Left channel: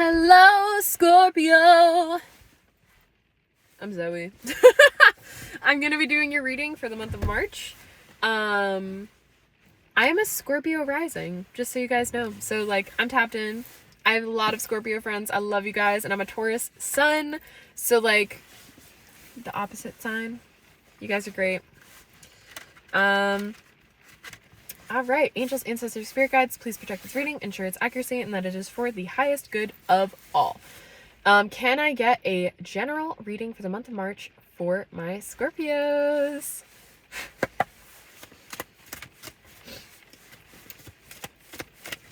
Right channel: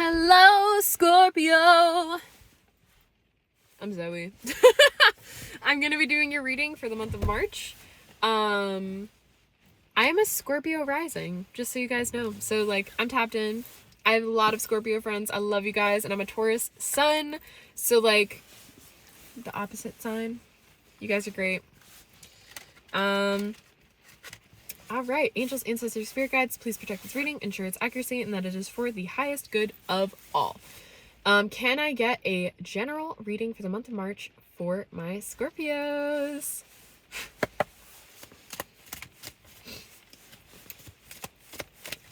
Hello, Scorpio. I'm Zoe. I'm going to be doing your reading for the month of March. I am a Scorpio rising, just so you guys know. So, like, I'm tapped in. I have a lot of Scorpio friends. I love you guys. And I'm a Taurus sun. So, like, the opposite sign. You guys are great. All right, angels, ancestors, spirit guides, please protect this reading, ensure its accuracy, and that it is for the highest good of all. Can I get a general reading for the month of March for my Scorpios?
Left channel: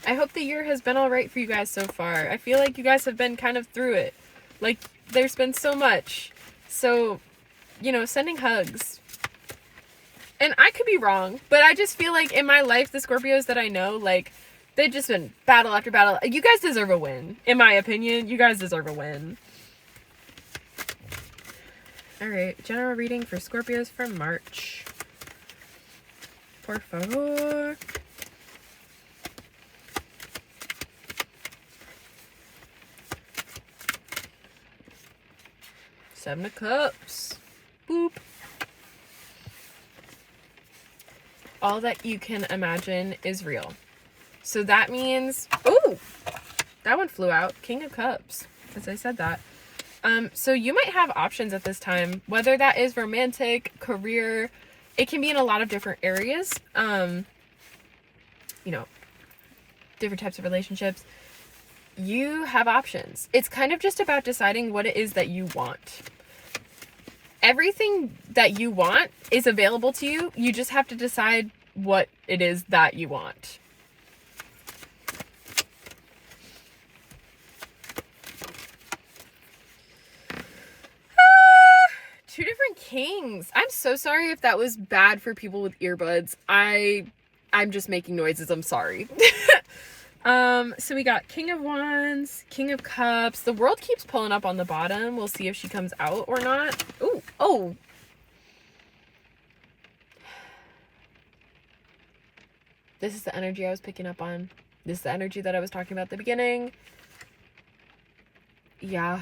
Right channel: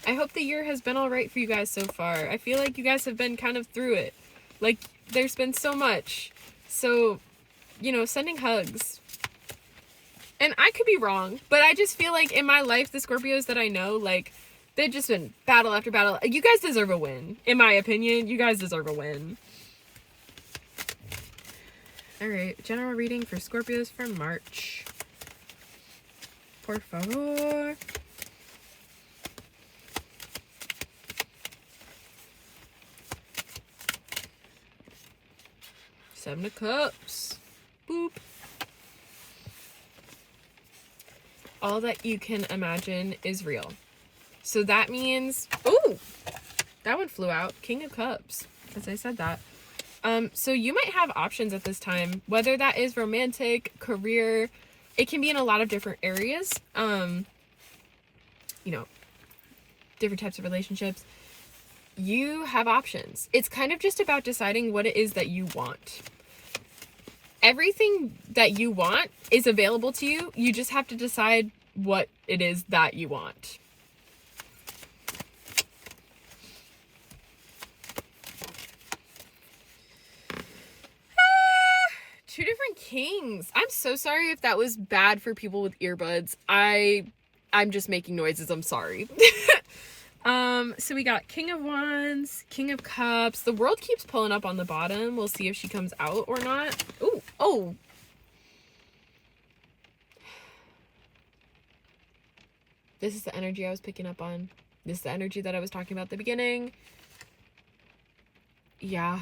I hope the year has been all right for you guys so far. I feel like you guys have been kind of through it. Like, there's been so much. So, you know, sending hugs. And I could be wrong, but I just feel like in my life, the Scorpios that I know, like, they've just been battle after battle. You guys deserve a win. In my opinion, you guys deserve a win. All right, general reading for Scorpios for March. Por favor. Seven of Cups. Boop. All that you can imagine is real. So that means, oh, that one flew out. King of Cups, as I said that. So you might have options at this time, whether that is romantic, career. It can be in a lot of different areas. You know, different types of relationships. You have options. It's kind of just about deciding what it is that you want. Everything that you want is available to you. You just have to decide what it is that you want. Two different kings. I'm so sorry if that was bad for people with earbuds. I'm just making noises. I'm sorry. So we got King of Wands, King of Cups. The World keeps pulling up on the bottom. We'll see if she comes out or not. Ooh, oh. This is the energy I was picking up on. This is the energy that I was talking about at the beginning. Yeah.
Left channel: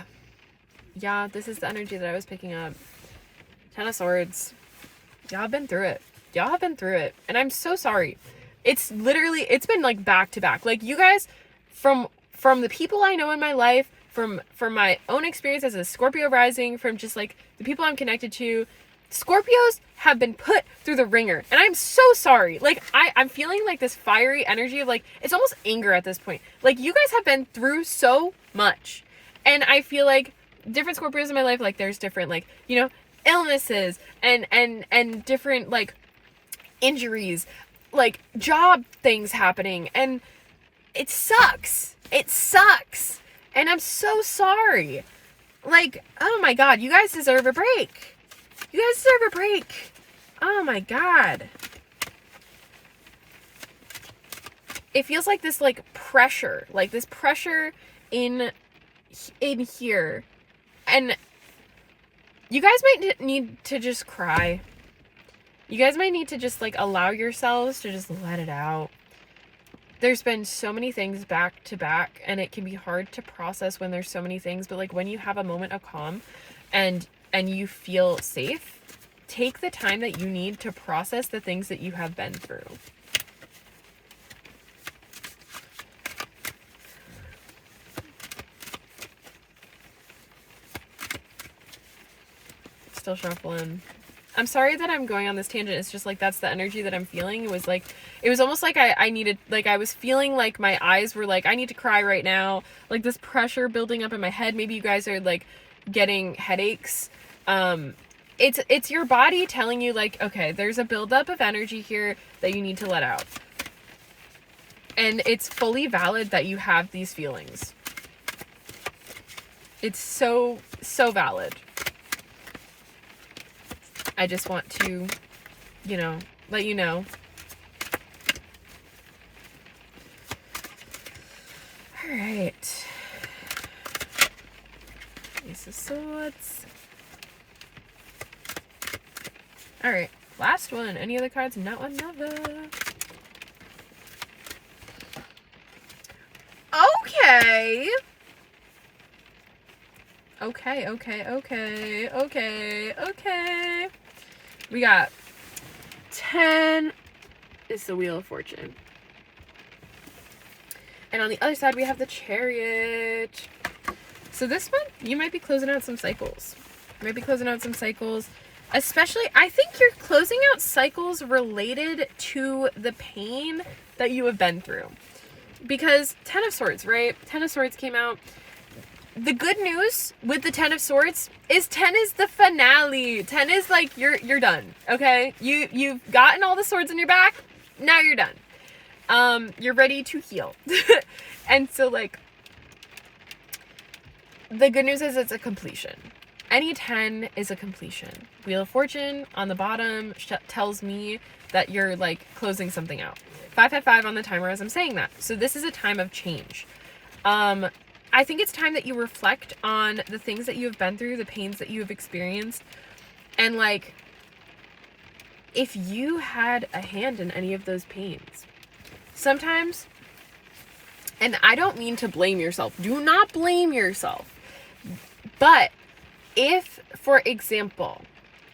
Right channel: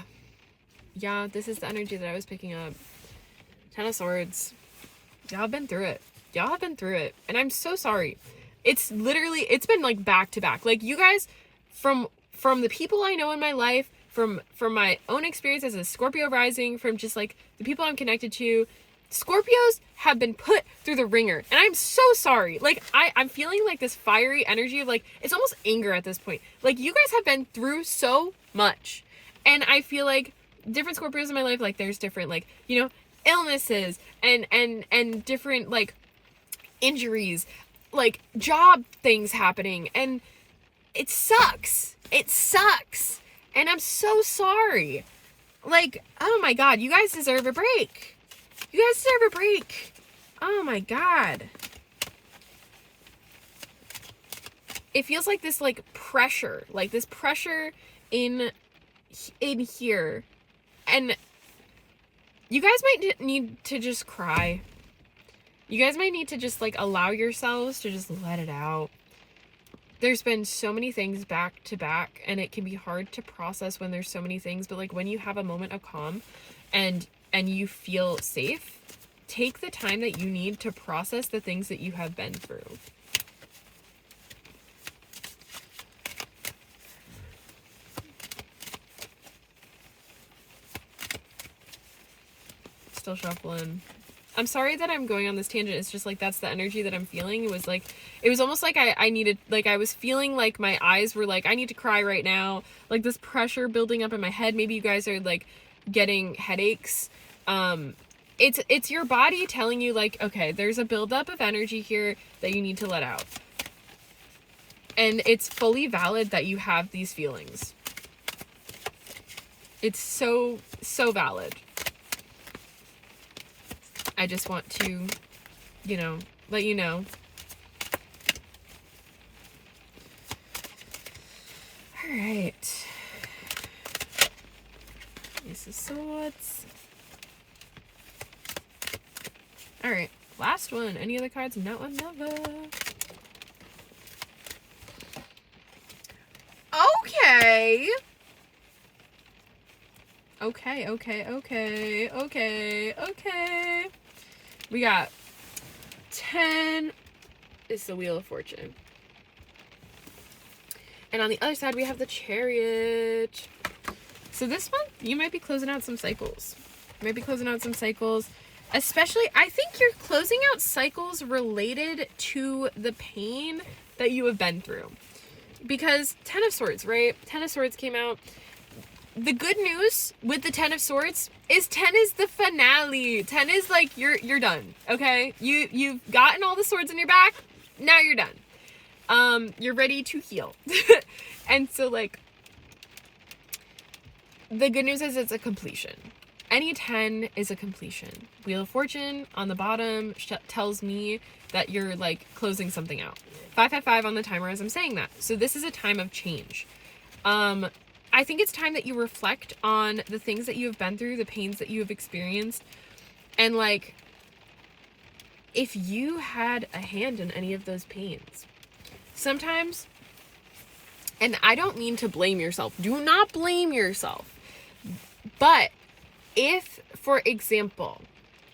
Yeah, this is the energy that I was picking up. Ten of Swords. Y'all have been through it. Y'all have been through it. And I'm so sorry. It's literally, it's been like back to back. Like, you guys, from the people I know in my life, from my own experience as a Scorpio rising, from just like the people I'm connected to, Scorpios have been put through the ringer. And I'm so sorry. Like, I'm feeling like this fiery energy of like, it's almost anger at this point. Like, you guys have been through so much. And I feel like different Scorpios in my life, like, there's different, like, you know, illnesses and different, like, injuries, like, job things happening, and it sucks. It sucks. And I'm so sorry. Like, oh my God, you guys deserve a break. You guys deserve a break. Oh my God. It feels like this, like, pressure, in here. And you guys might need to just cry. You guys might need to just, like, allow yourselves to just let it out. There's been so many things back to back, and it can be hard to process when there's so many things, but, like, when you have a moment of calm and you feel safe, take the time that you need to process the things that you have been through. Still shuffling. I'm sorry that I'm going on this tangent. It's just like, that's the energy that I'm feeling. It was like, it was almost like I needed, like, I was feeling like my eyes were like, I need to cry right now. Like, this pressure building up in my head. Maybe you guys are like getting headaches. It's your body telling you, like, okay, there's a buildup of energy here that you need to let out. And it's fully valid that you have these feelings. It's so, so valid. I just want to, you know, let you know. All right. Ace of Swords. All right. Last one. Any other cards? Not one, never. Okay. Okay, okay, okay, okay, okay. We got 10 is the Wheel of Fortune. And on the other side, we have the Chariot. So this one, you might be closing out some cycles. Especially, I think you're closing out cycles related to the pain that you have been through. Because 10 of Swords, right? 10 of Swords came out. The good news with the 10 of Swords is 10 is the finale. 10 is like, you're done, okay? You've gotten all the swords in your back. Now you're done. You're ready to heal. And so, like, the good news is it's a completion. Any 10 is a completion. Wheel of Fortune on the bottom tells me that you're, like, closing something out. 555 on the timer as I'm saying that. So this is a time of change. I think it's time that you reflect on the things that you have been through, the pains that you have experienced, and, like, if you had a hand in any of those pains. Sometimes, and I don't mean to blame yourself. Do not blame yourself. But if, for example,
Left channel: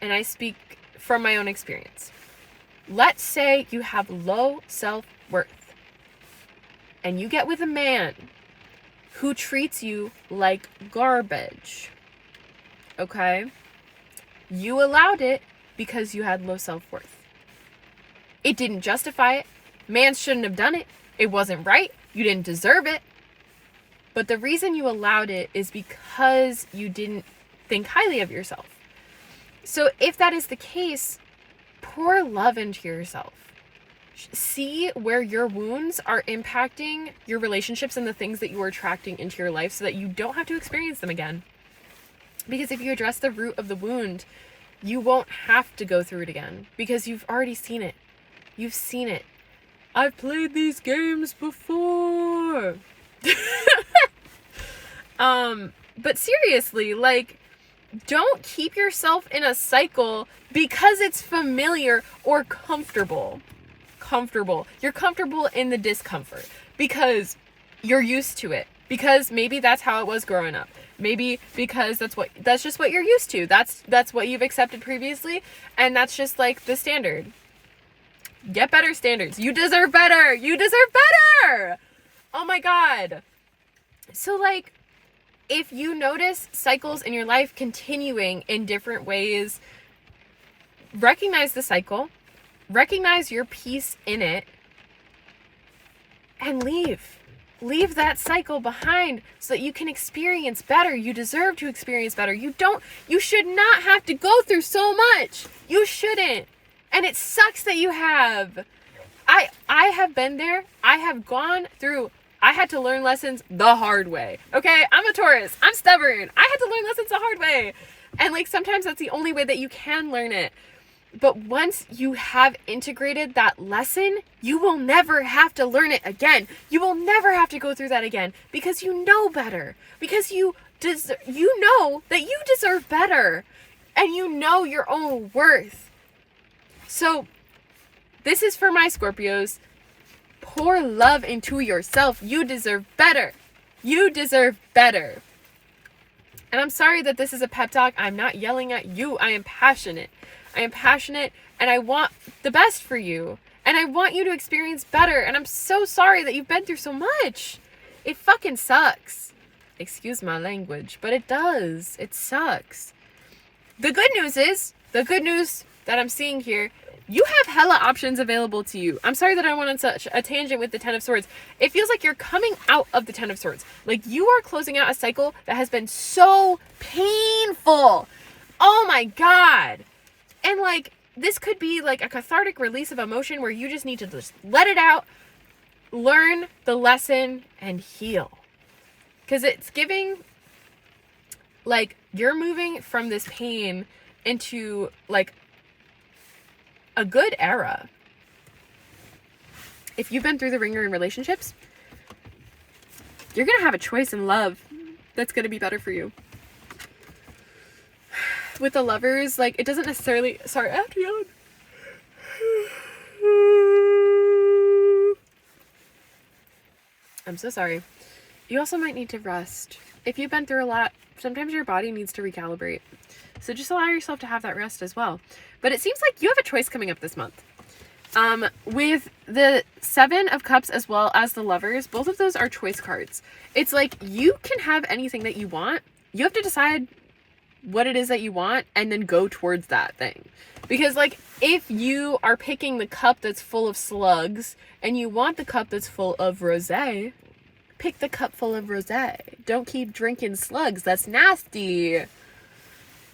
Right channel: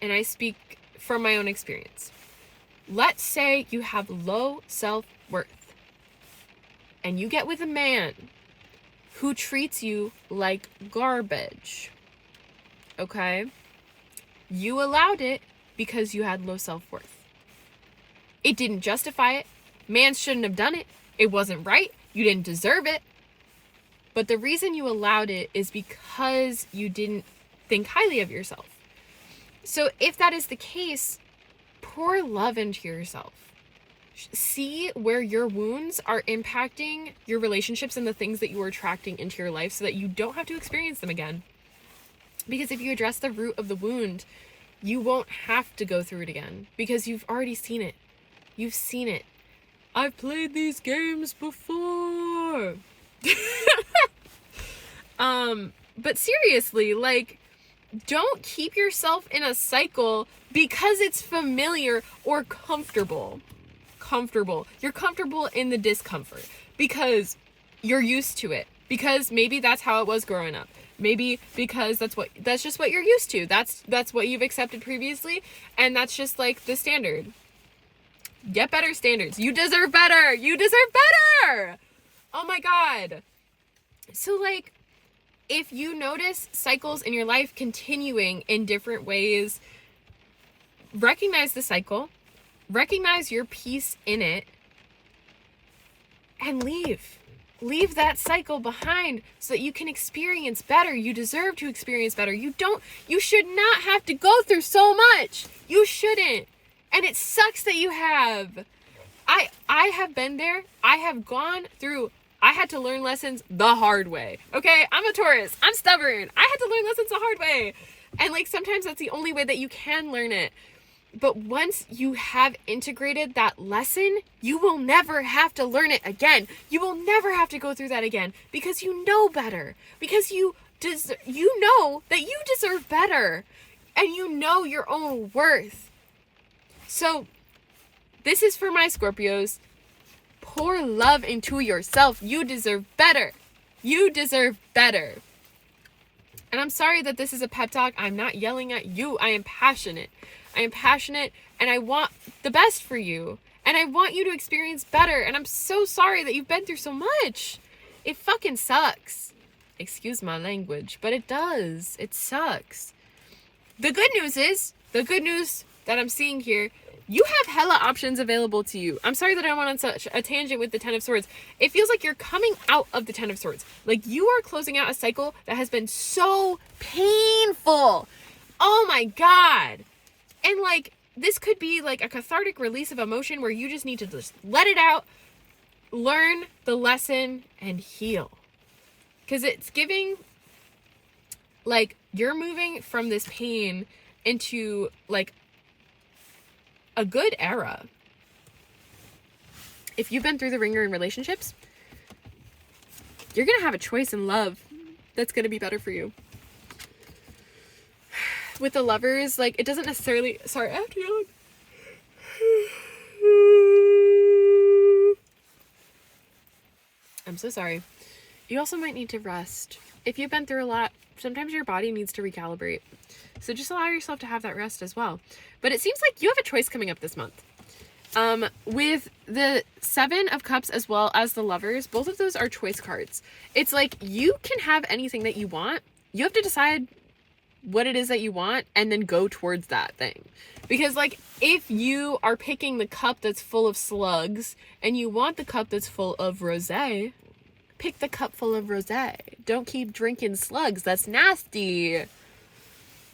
and I speak from my own experience, let's say you have low self-worth and you get with a man who treats you like garbage, okay? You allowed it because you had low self-worth. It didn't justify it. Man shouldn't have done it. It wasn't right. You didn't deserve it. But the reason you allowed it is because you didn't think highly of yourself. So if that is the case, pour love into yourself. See where your wounds are impacting your relationships and the things that you are attracting into your life so that you don't have to experience them again. Because if you address the root of the wound, you won't have to go through it again because you've already seen it. You've seen it. I've played these games before. But seriously, like, don't keep yourself in a cycle because it's familiar or comfortable. You're comfortable in the discomfort because you're used to it. Because maybe that's how it was growing up. Maybe because that's just what you're used to. That's what you've accepted previously, and that's just like the standard. Get better standards. You deserve better. You deserve better. Oh my God. So, like, if you notice cycles in your life continuing in different ways, recognize the cycle, recognize your piece in it, and leave. Leave that cycle behind so that you can experience better. You deserve to experience better. You should not have to go through so much. You shouldn't. And it sucks that you have. I have been there. I have gone through. I had to learn lessons the hard way. Okay? I'm a Taurus. I'm stubborn. I had to learn lessons the hard way. And, like, sometimes that's the only way that you can learn it. But once you have integrated that lesson, you will never have to learn it again. You will never have to go through that again because you know better. Because you know that you deserve better. And you know your own worth. So, this is for my Scorpios. Pour love into yourself. You deserve better. You deserve better. And I'm sorry that this is a pep talk. I'm not yelling at you. I am passionate. And I want the best for you. And I want you to experience better. And I'm so sorry that you've been through so much. It fucking sucks. Excuse my language, but it does. It sucks. The good news that I'm seeing here, you have hella options available to you. I'm sorry that I went on such a tangent with the 10 of Swords. It feels like you're coming out of the 10 of Swords. Like, you are closing out a cycle that has been so painful. Oh my God. And, like, this could be like a cathartic release of emotion where you just need to just let it out, learn the lesson, and heal. Because it's giving, like, you're moving from this pain into, like, a good era. If you've been through the ringer in relationships, you're going to have a choice in love that's going to be better for you. With the Lovers, like, it doesn't necessarily... Sorry, I have to yawn. I'm so sorry. You also might need to rest. if you've been through a lot, sometimes your body needs to recalibrate. So just allow yourself to have that rest as well. But it seems like you have a choice coming up this month. With the 7 of Cups as well as the Lovers, both of those are choice cards. It's like you can have anything that you want. You have to decide what it is that you want and then go towards that thing. Because like if you are picking the cup that's full of slugs and you want the cup that's full of rosé, pick the cup full of rosé. Don't keep drinking slugs. That's nasty.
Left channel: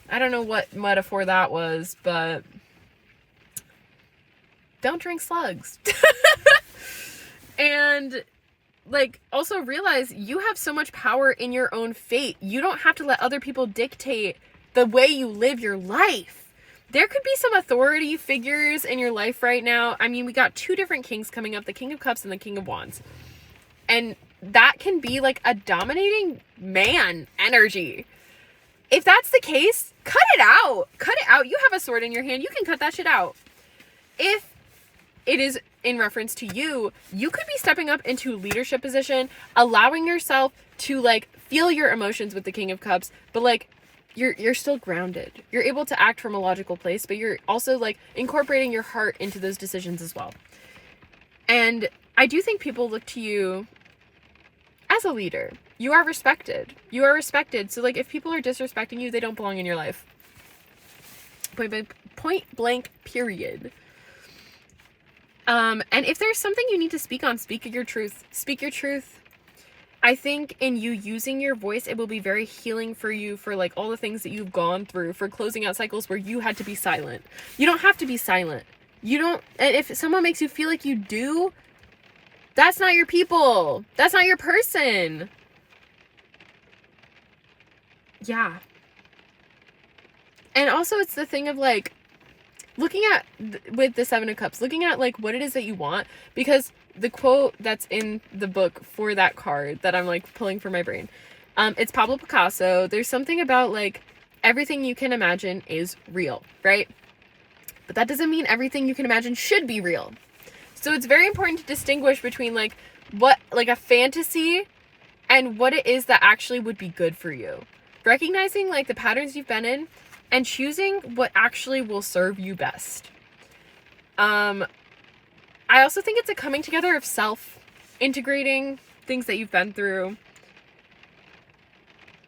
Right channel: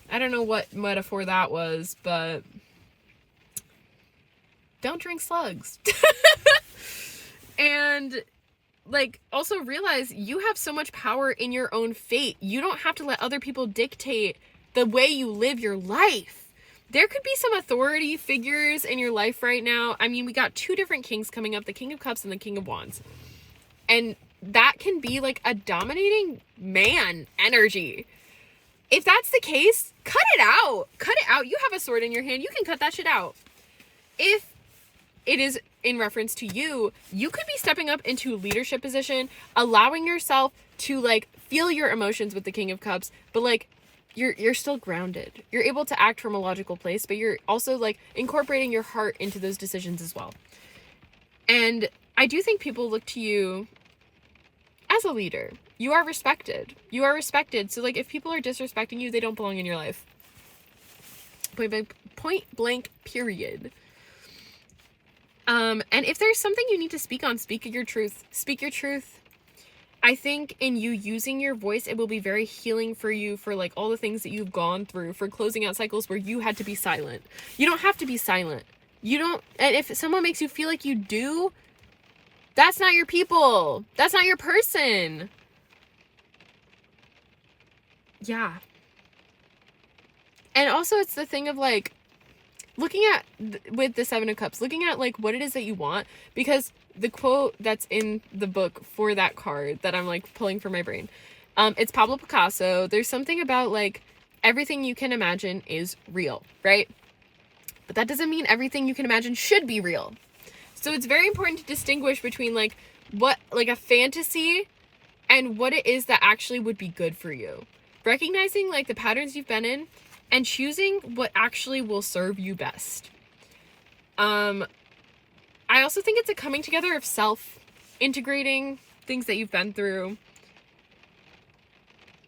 I don't know what metaphor that was, but don't drink slugs. And like also realize you have so much power in your own fate. You don't have to let other people dictate the way you live your life. There could be some authority figures in your life right now. I mean, we got 2 different kings coming up, the King of Cups and the King of Wands. And that can be like a dominating man energy. If that's the case, cut it out. Cut it out. You have a sword in your hand. You can cut that shit out. If it is in reference to you, you could be stepping up into a leadership position, allowing yourself to like feel your emotions with the King of Cups, but like you're still grounded. You're able to act from a logical place, but you're also like incorporating your heart into those decisions as well. And I do think people look to you as a leader. You are respected. You are respected. So like if people are disrespecting you, they don't belong in your life. Point blank, period. And if there's something you need to speak on, speak your truth. Speak your truth. I think in you using your voice, it will be very healing for you for like all the things that you've gone through, for closing out cycles where you had to be silent. You don't have to be silent. You don't, and if someone makes you feel like you do, that's not your people. That's not your person. Yeah. And also it's the thing of like, looking at, with the 7 of Cups, looking at like what it is that you want, because the quote that's in the book for that card that I'm like pulling from my brain, it's Pablo Picasso. There's something about like everything you can imagine is real, right? But that doesn't mean everything you can imagine should be real. So it's very important to distinguish between like what, like a fantasy and what it is that actually would be good for you. Recognizing like the patterns you've been in and choosing what actually will serve you best. I also think it's a coming together of self, integrating things that you've been through.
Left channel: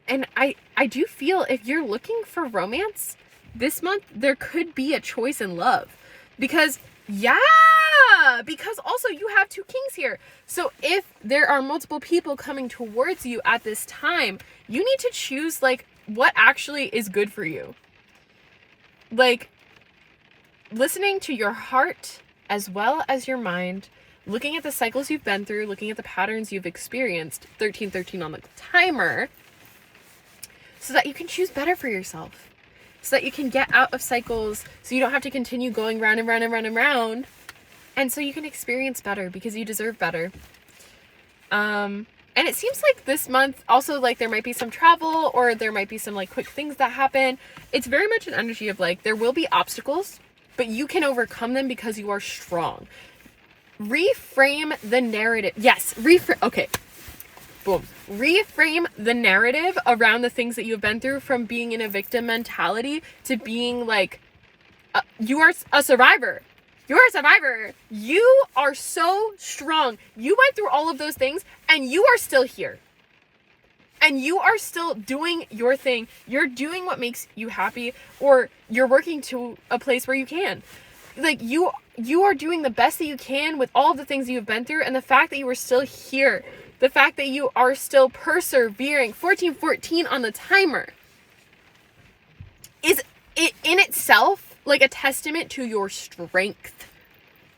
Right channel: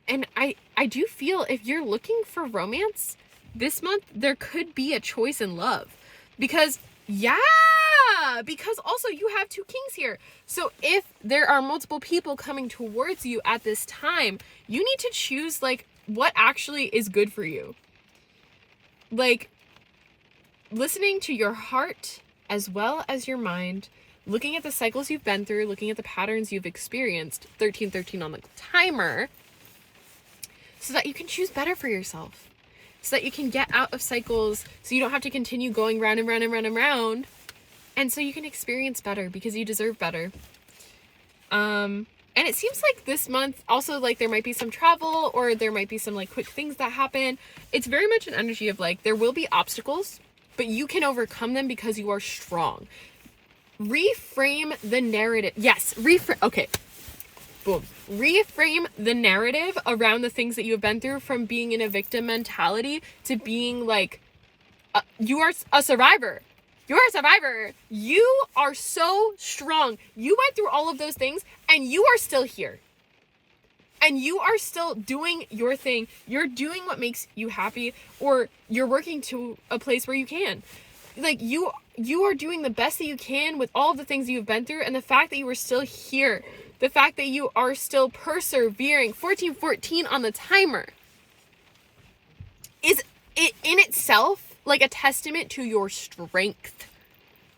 And I do feel if you're looking for romance this month, there could be a choice in love. Because also you have 2 kings here. So if there are multiple people coming towards you at this time, you need to choose like what actually is good for you. Like listening to your heart as well as your mind, looking at the cycles you've been through, looking at the patterns you've experienced, 1313 on the timer, so that you can choose better for yourself, so that you can get out of cycles, so you don't have to continue going round and round and round and round, and so you can experience better because you deserve better. And it seems like this month also like there might be some travel or there might be some like quick things that happen. It's very much an energy of like there will be obstacles, but you can overcome them because you are strong. Reframe the narrative. Yes, okay. Boom. Reframe the narrative around the things that you have been through from being in a victim mentality to being like, you are a survivor. You're a survivor. You are so strong. You went through all of those things and you are still here. And you are still doing your thing. You're doing what makes you happy, or you're working to a place where you can. Like you are doing the best that you can with all of the things that you've been through, and the fact that you are still here, the fact that you are still persevering, 1414 on the timer, is it in itself like a testament to your strength.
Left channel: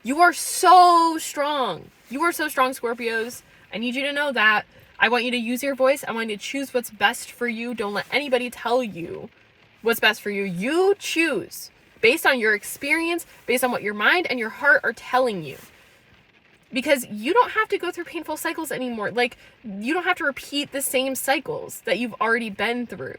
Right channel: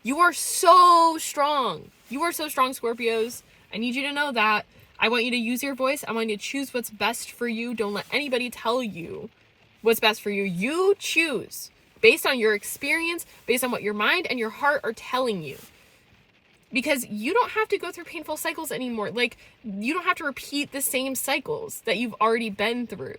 You are so strong. You are so strong, Scorpios. I need you to know that. I want you to use your voice. I want you to choose what's best for you. Don't let anybody tell you what's best for you. You choose based on your experience, based on what your mind and your heart are telling you. Because you don't have to go through painful cycles anymore. Like, you don't have to repeat the same cycles that you've already been through.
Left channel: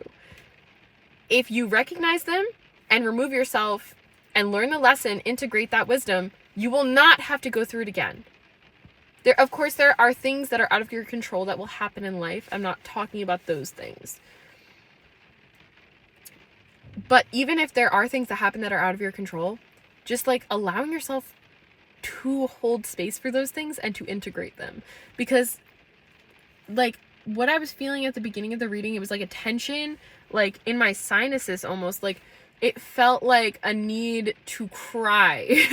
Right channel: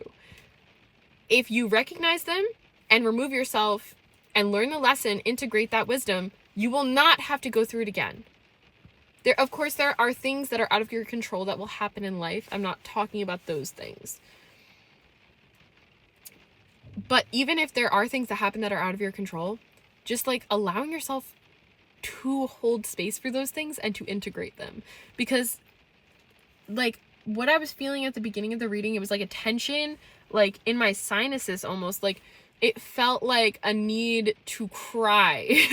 If you recognize them and remove yourself and learn the lesson, integrate that wisdom, you will not have to go through it again. There, of course, there are things that are out of your control that will happen in life. I'm not talking about those things. But even if there are things that happen that are out of your control, just like allowing yourself to hold space for those things and to integrate them. Because like what I was feeling at the beginning of the reading, it was like a tension, like in my sinuses almost, like it felt like a need to cry.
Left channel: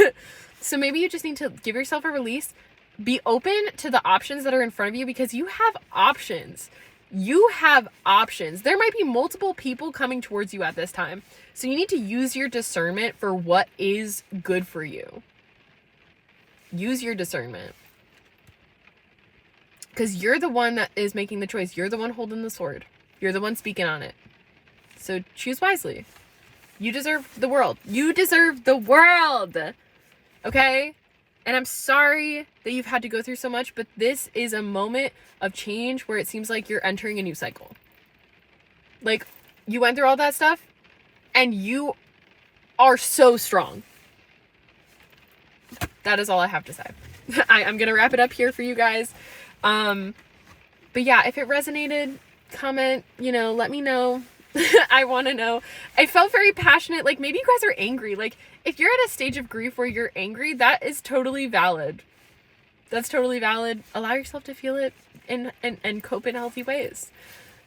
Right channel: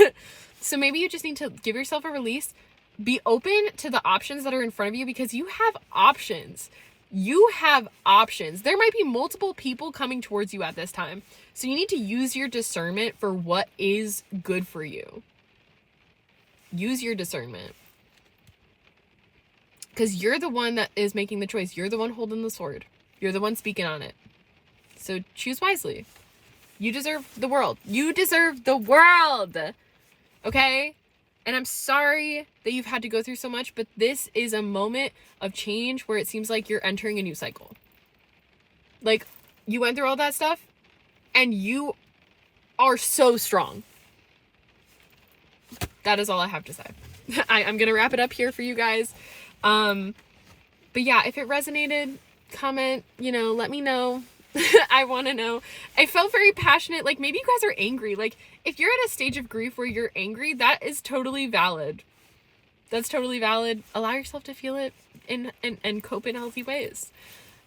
So maybe you just need to give yourself a release. Be open to the options that are in front of you, because you have options. You have options. There might be multiple people coming towards you at this time. So you need to use your discernment for what is good for you. Use your discernment. Because you're the one that is making the choice. You're the one holding the sword. You're the one speaking on it. So choose wisely. You deserve the world. You deserve the world. Okay? And I'm sorry that you've had to go through so much, but this is a moment of change where it seems like you're entering a new cycle. Like, you went through all that stuff, and you are so strong. That is all I have to say. I'm going to wrap it up here for you guys. But yeah, if it resonated, comment, let me know. I want to know. I felt very passionate. Like, maybe you guys are angry. Like, if you're at a stage of grief where you're angry, that is totally valid. That's totally valid. Allow yourself to feel it and cope in healthy ways.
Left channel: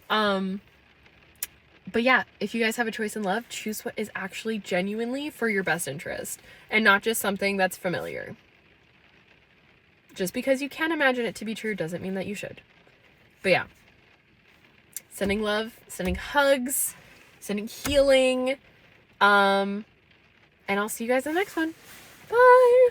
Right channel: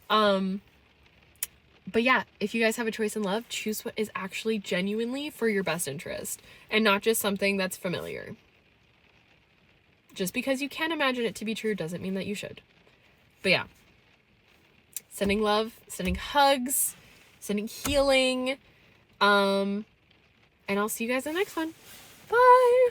But yeah, if you guys have a choice in love, choose what is actually genuinely for your best interest and not just something that's familiar. Just because you can't imagine it to be true doesn't mean that you should. But yeah. Sending love, sending hugs, sending healing. And I'll see you guys in the next one. Bye.